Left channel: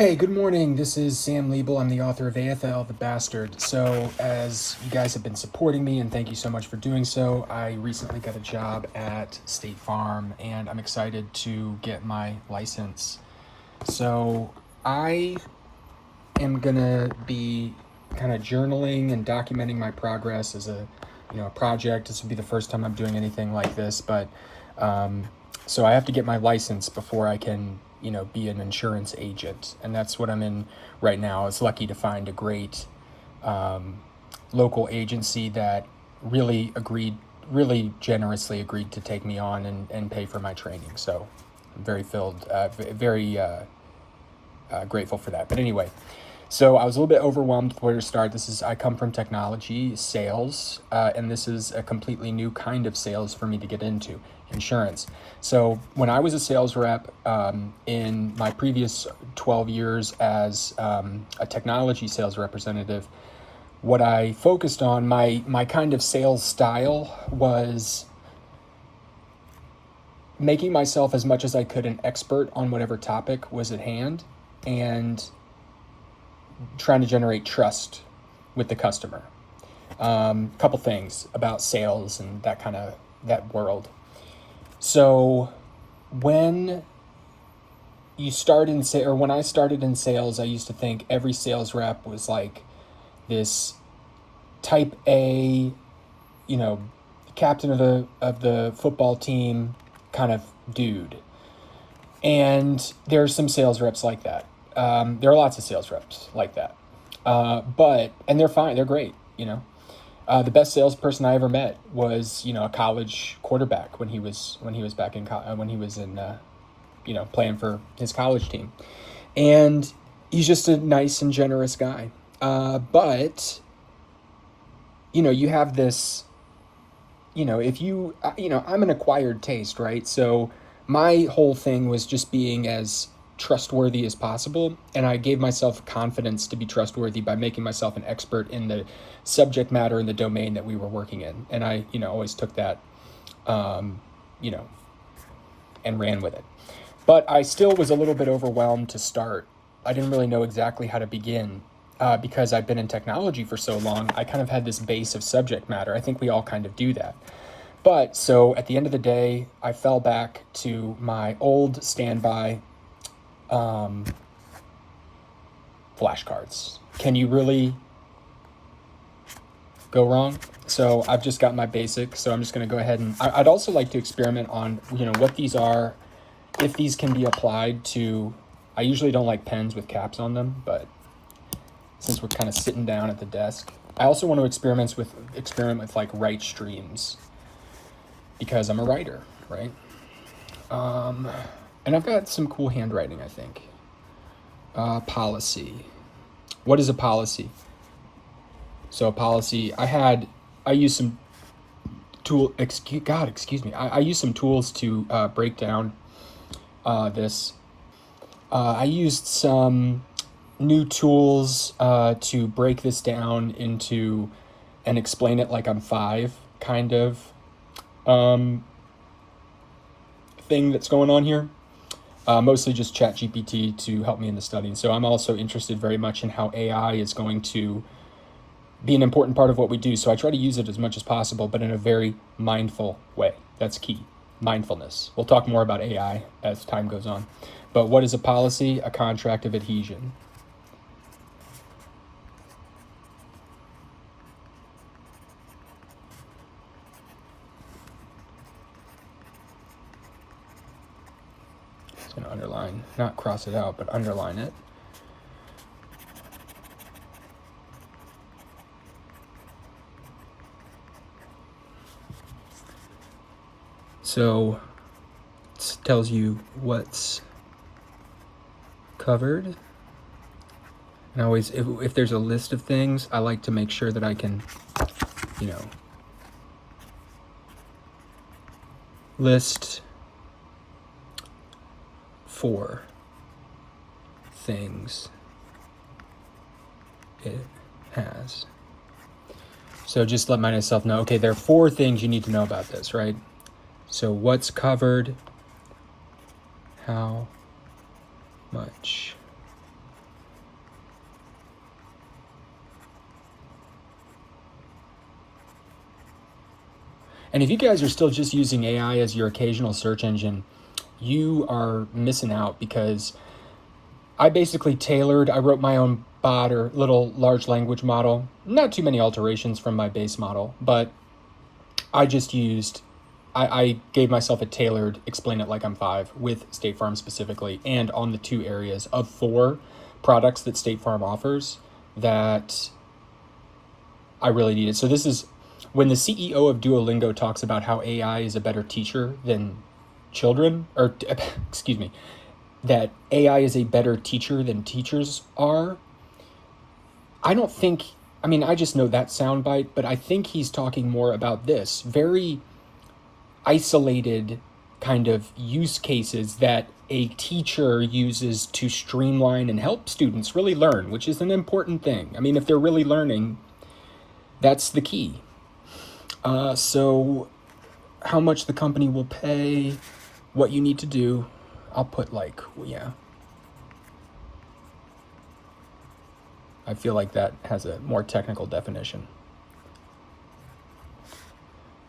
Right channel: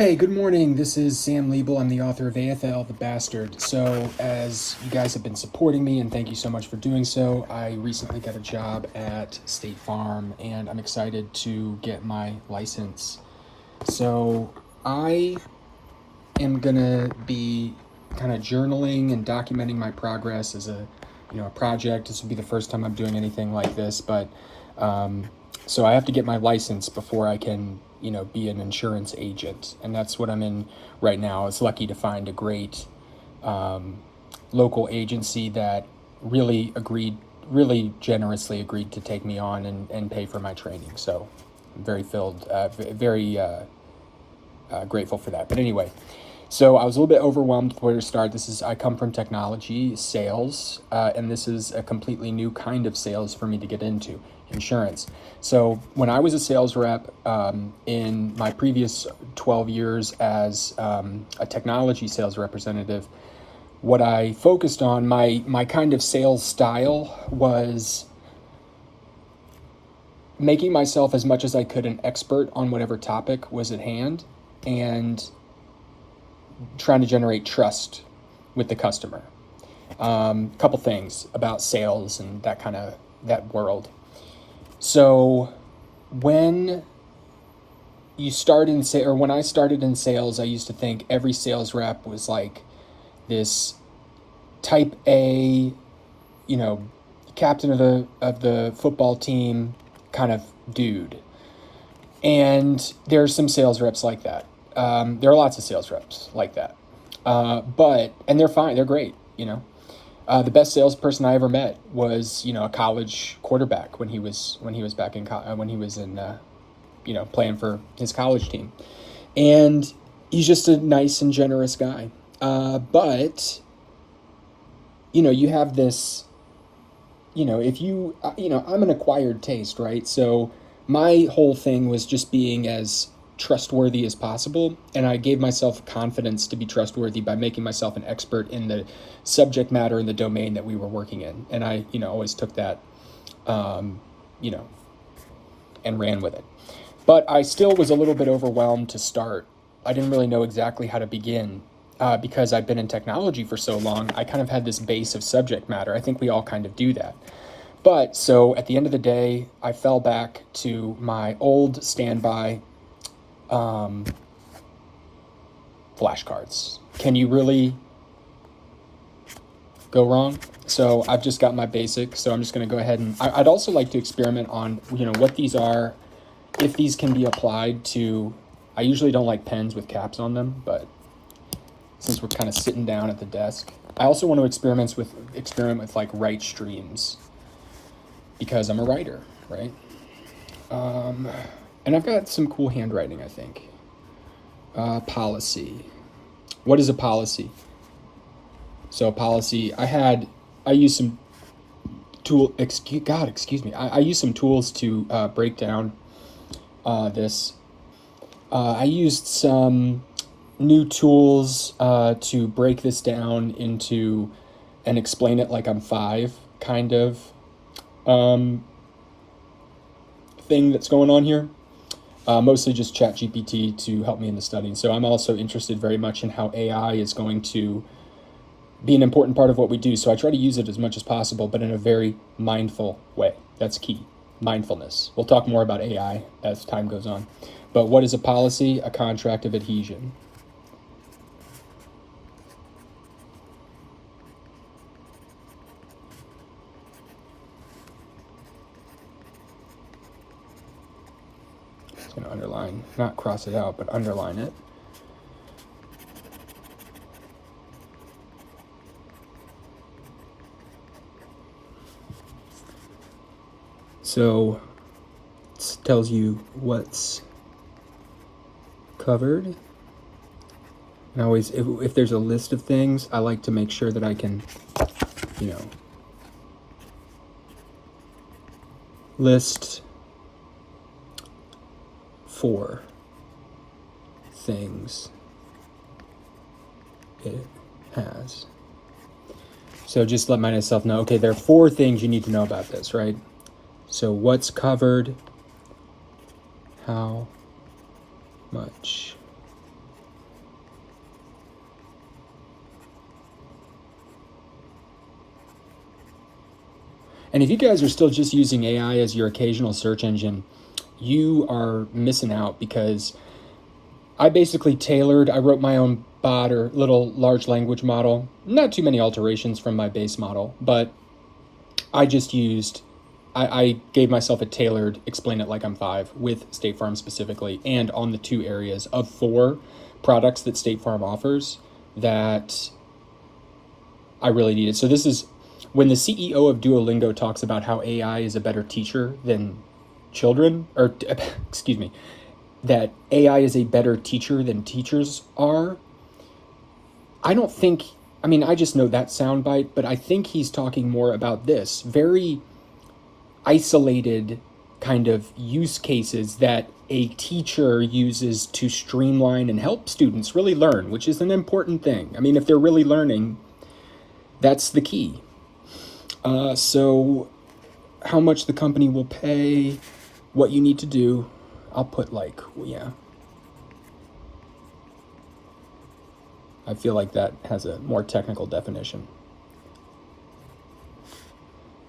Hey, good morning. This is Sam Liebel. I'm the author of AFL, The Bastard. So, as you guys have been supporting me, and thank you so much for doing so, I recently got a job at State Farm, and I'm excited to get my license. So, I am gonna be kind of journaling and documenting my progress as a project. This will be the first time I'm doing anything like this, but so I have to get my license before I can be an insurance agent, and that's what I'm in right now. I was lucky to find a great local agency that really generously agreed to take me on and pay for my training. So I'm very grateful for that. But anyway, so I was a little bit overwhelmed before to start. I come from technology sales, and this is a completely new kind of sales for me to get into, insurance. So when I was a sales rep in my previous 12 years as a technology sales representative, what I focused on, my kind of sales style was making myself as much as I could an expert on whatever topic was at hand and trying to generate trust with the customer. Couple things about sales and that world. So when you start in when I started in sales, I used to think every sales rep was like this type A, captain of the football team kind of dude. And there are some sales reps like that. There are lots of sales reps like that. And they're fine. They're great. The best salesperson I ever met was, a college quarterback when he was back in playing for his college team, and he's just a nice and generous guy. But you have this, if you, I'm an acquired taste, right? So my whole thing was just being as trustworthy as possible, and I gave myself confidence to be trustworthy by making myself an expert in the subject matter and the domain that we were working in. And I always took that and ran with it. But I still was a little bit overwhelmed to start. I didn't really know exactly how to begin because I've been in technology for so long. I kind of had this base of subject matter. I think we all kind of do that. But so at the end of the day, I fell back to my old standby flashcards. Can you really go wrong? So I've just got my basic, so I'm just going to go ahead and I'd also like to experiment on what these are, if these can be applied to. I usually don't like pens with caps on them, but since we're kind of sitting down at the desk, I also want to experiment with like write streams, because I'm a writer, right? And I've got some cool handwriting, I think. Policy. What is a policy? So a policy, I use some excuse me. I use some tools to break down this. I used some new tools to break this down into and explain it like I'm 5 kind of thing that's going on here. Mostly just ChatGPT to help me in the study. So I'm also interested very much in how AI is going to be an important part of what we do. So I try to use it as much as possible, but in a very mindful way. That's key. Mindfulness. We'll talk more about AI as time goes on. But what is a policy? A contract of adhesion. Just going to underline, not cross it out, but underline it. So it tells you what's covered. And always, if there's a list of things, I like to make sure that I can, list 4 things it has. So just let myself know, okay, there are 4 things you need to know about this, right? So what's covered, how much And if you guys are still just using AI as your occasional search engine, you are missing out, because I basically I wrote my own bot or little large language model. Not too many alterations from my base model, but I just used, I gave myself a tailored explain it like I'm five with State Farm specifically, and on the 2 areas of 4 products that State Farm offers that I really needed. So this is when the CEO of Duolingo talks about how AI is a better teacher than children, or excuse me, that AI is a better teacher than teachers are. I don't think, I mean, I just know that soundbite, but I think he's talking more about this very isolated kind of use cases that a teacher uses to streamline and help students really learn, which is an important thing. I mean, if they're really learning, that's the key. So how much the company will pay, what you need to do, I'll put like, yeah. I feel like that has a more technical definition.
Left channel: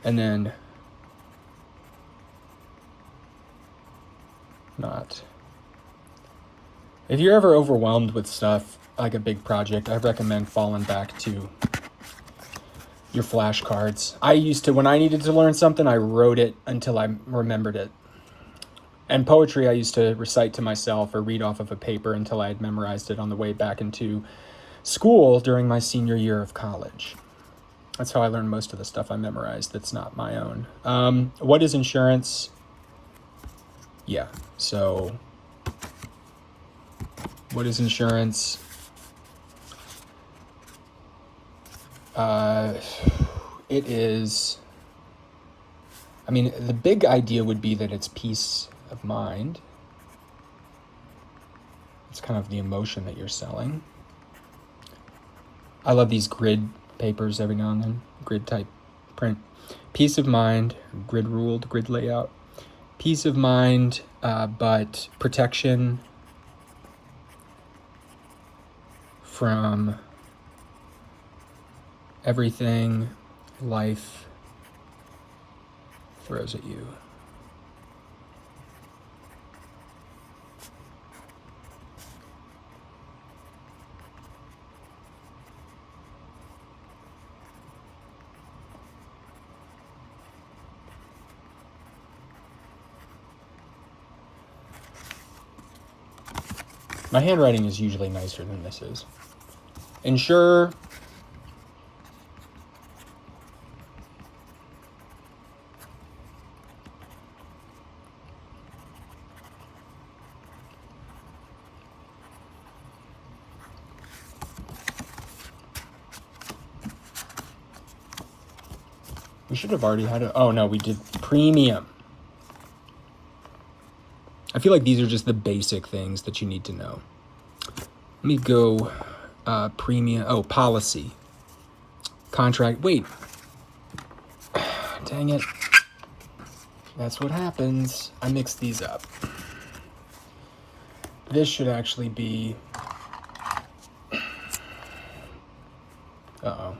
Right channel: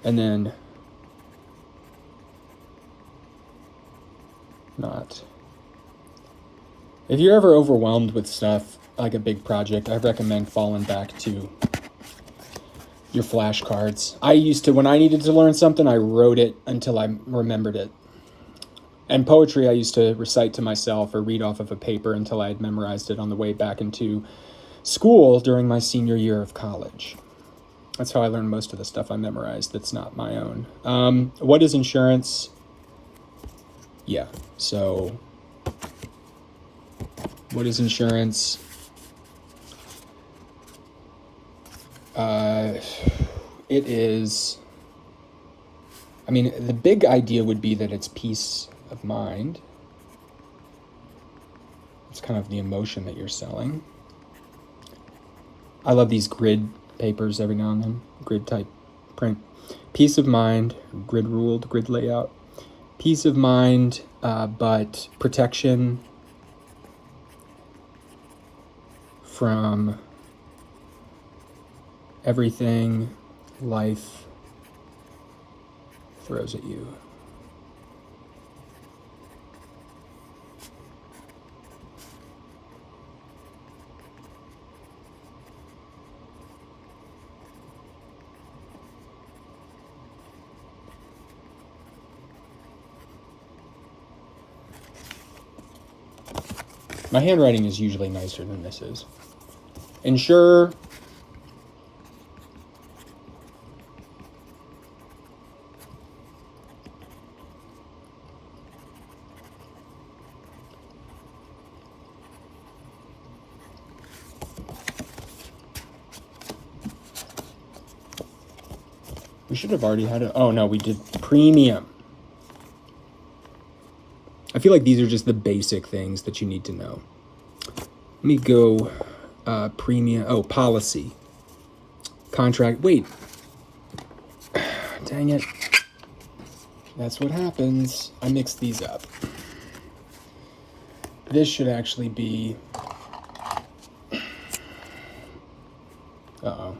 And then not. If you're ever overwhelmed with stuff, like a big project, I recommend falling back to your flashcards. I used to, when I needed to learn something, I wrote it until I remembered it. And poetry, I used to recite to myself or read off of a paper until I had memorized it on the way back into school during my senior year of college. That's how I learned most of the stuff I memorized that's not my own. What is insurance? Yeah, so what is insurance? It is, I mean, the big idea would be that it's peace of mind. It's kind of the emotion that you're selling. I love these grid papers every now and then, grid type print. Peace of mind, grid ruled, grid layout. Peace of mind, but protection from everything life throws at you. My handwriting is usually nicer than this is. Ensure. We should have already had oh no, we did premium. I feel like these are just the basic things that you need to know. Let me go premium, oh, policy. Contract, wait. Dang it. That's what happens. I mixed these up. This should actually be, uh-oh.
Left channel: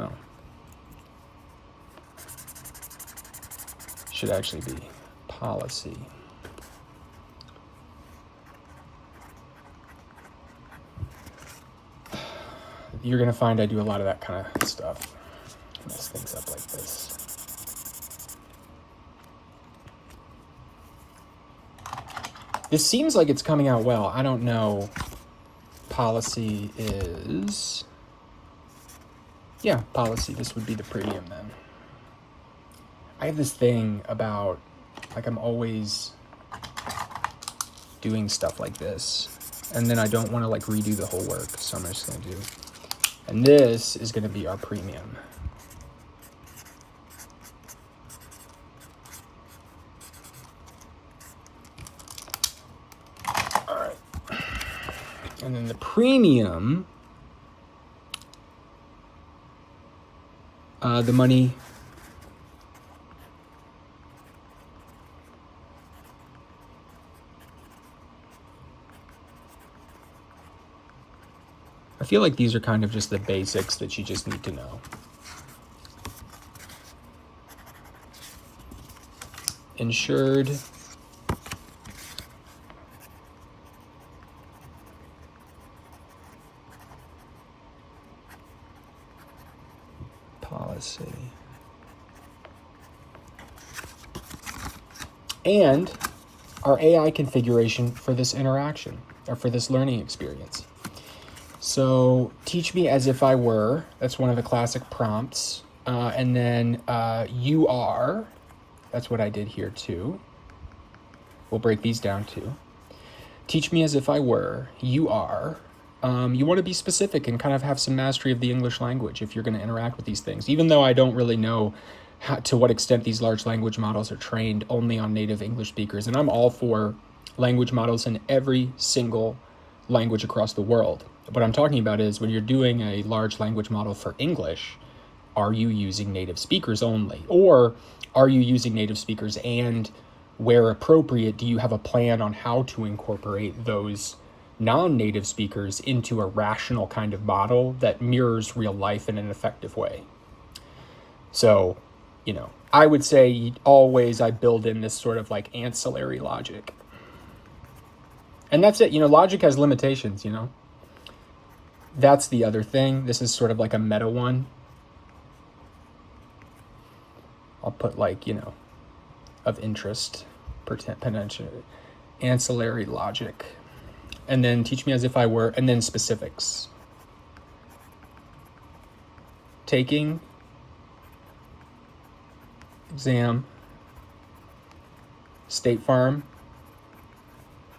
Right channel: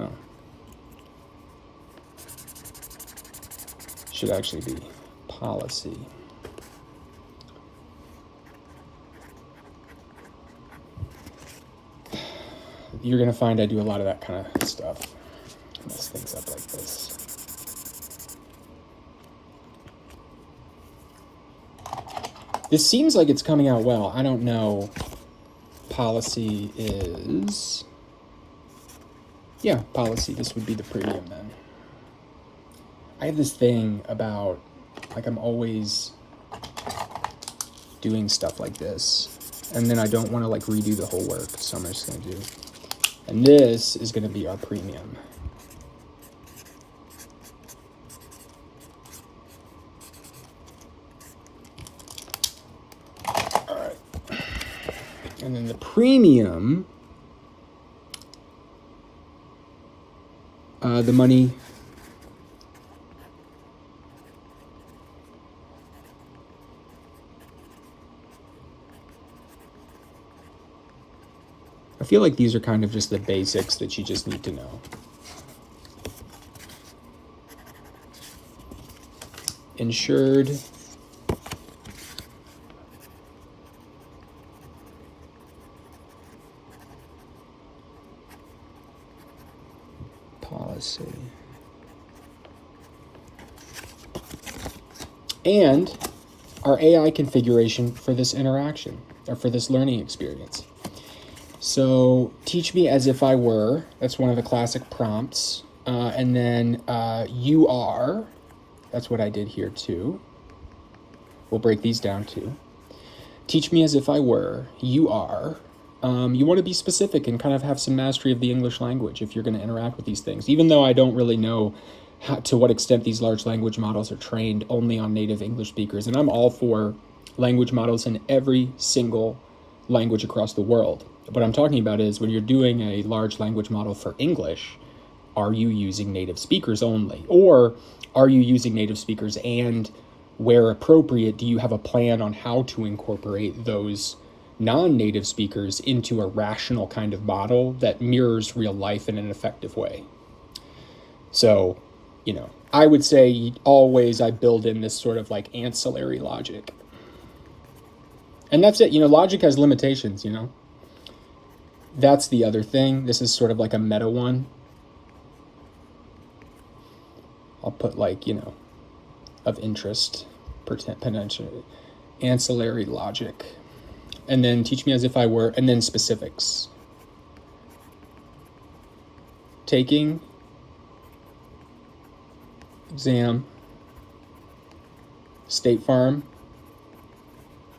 Oh. Should actually be policy. You're gonna find I do a lot of that kind of stuff. Mess things up like this. This seems like it's coming out well. I don't know. Policy is, yeah, policy. This would be the premium then. I have this thing about, like, I'm always doing stuff like this, and then I don't want to like redo the whole work, so I'm just gonna do, and this is gonna be our premium. All right, and then the premium, the money. I feel like these are kind of just the basics that you just need to know. insured policy. And our AI configuration for this interaction, or for this learning experience. So, teach me as if I were, that's one of the classic prompts. And then you are, that's what I did here too. We'll break these down too. Teach me as if I were, you are. You want to be specific and kind of have some mastery of the English language if you're going to interact with these things. Even though I don't really know to what extent these large language models are trained only on native English speakers. And I'm all for language models in every single language across the world. What I'm talking about is when you're doing a large language model for English, are you using native speakers only? Or are you using native speakers, and where appropriate, do you have a plan on how to incorporate those non-native speakers into a rational kind of model that mirrors real life in an effective way? So, I would say always I build in this sort of like ancillary logic. And that's it. Logic has limitations, That's the other thing. This is sort of like a meta one. I'll put of interest, potential, ancillary logic. And then teach me as if I were, and then specifics. Taking exam. State Farm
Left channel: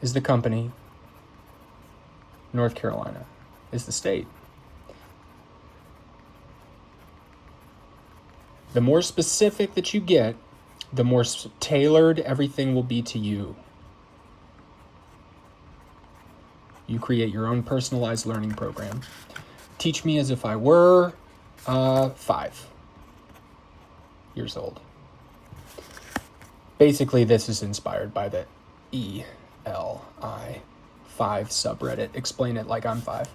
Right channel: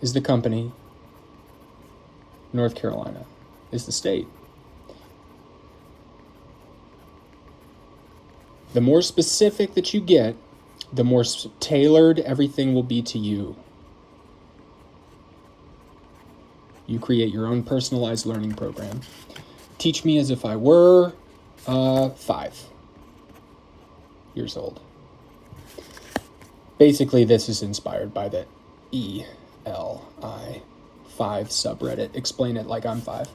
is the company. North Carolina is the state. The more specific that you get, the more tailored everything will be to you. You create your own personalized learning program. Teach me as if I were 5 years old. Basically, this is inspired by the ELI 5 subreddit. Explain it like I'm 5,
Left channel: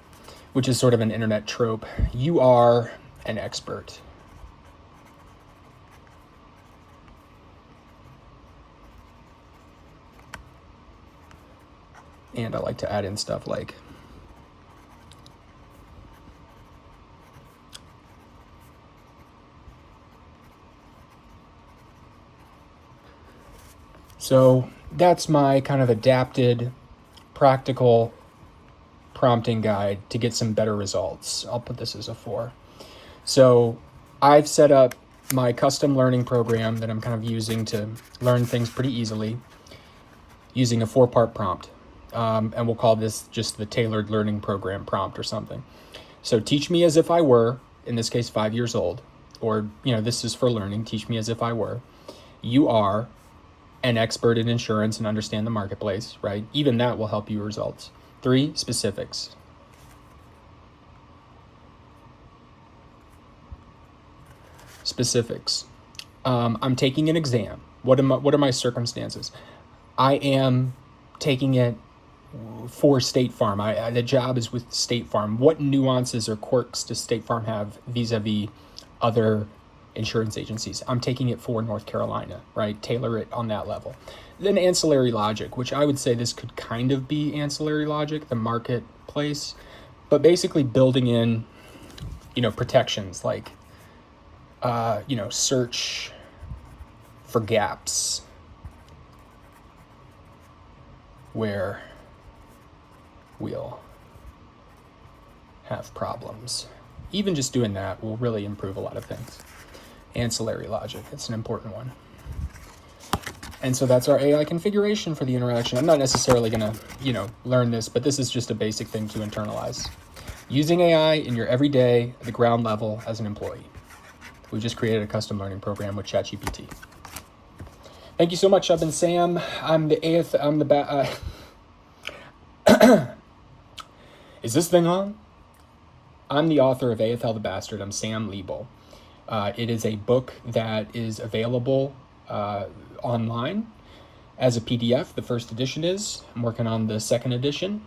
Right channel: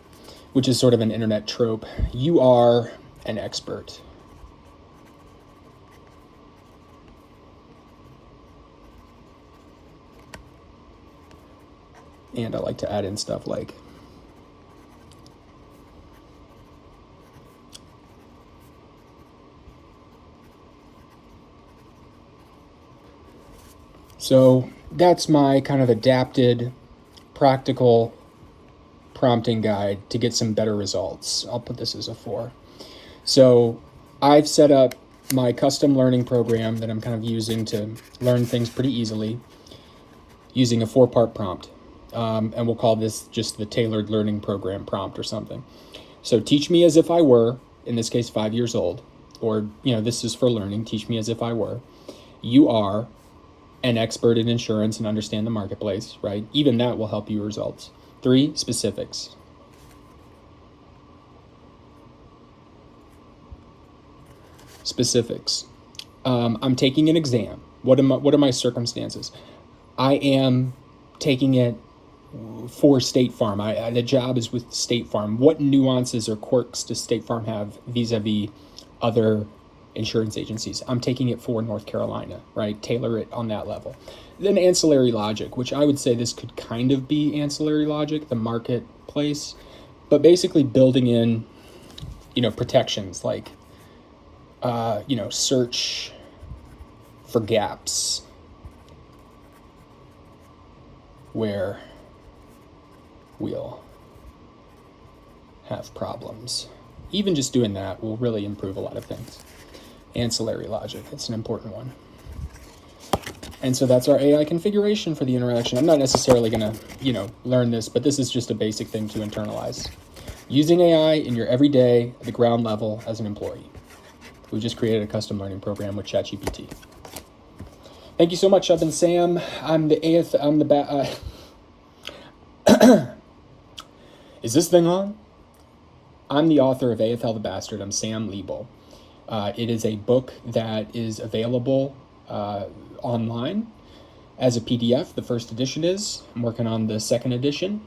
which is sort of an internet trope. You are an expert. And I like to add in stuff like so that's my kind of adapted, practical prompting guide to get some better results. I'll put this as a 4. So I've set up my custom learning program that I'm kind of using to learn things pretty easily using a 4-part prompt. And we'll call this just the tailored learning program prompt or something. So teach me as if I were, in this case, 5 years old, or, this is for learning. Teach me as if I were. You are an expert in insurance and understand the marketplace, right? Even that will help you results. 3, specifics. Specifics. I'm taking an exam. What are my circumstances? I am taking it for State Farm. The job is with State Farm. What nuances or quirks does State Farm have vis-a-vis other insurance agencies? I'm taking it for North Carolina, right? Tailor it on that level. Then ancillary logic, which I would say this could kind of be ancillary logic, the marketplace, but basically building in, protections like, search for gaps where we'll have problems. Even just doing that will really improve a lot of things. Ancillary logic, it's an important one. And so that's our AI configuration for the interaction. I'm not necessarily gonna, learn this, but this is just a basic thing to internalize. Using AI in your everyday, at the ground level as an employee. We just created a custom learning program with ChatGPT. Thank you so much. I've been Sam. Is this thing on? I'm the author of AFL the Bastard. I'm Sam Liebel. It is a book that is available online as a PDF. The first edition is. I'm working on the second edition.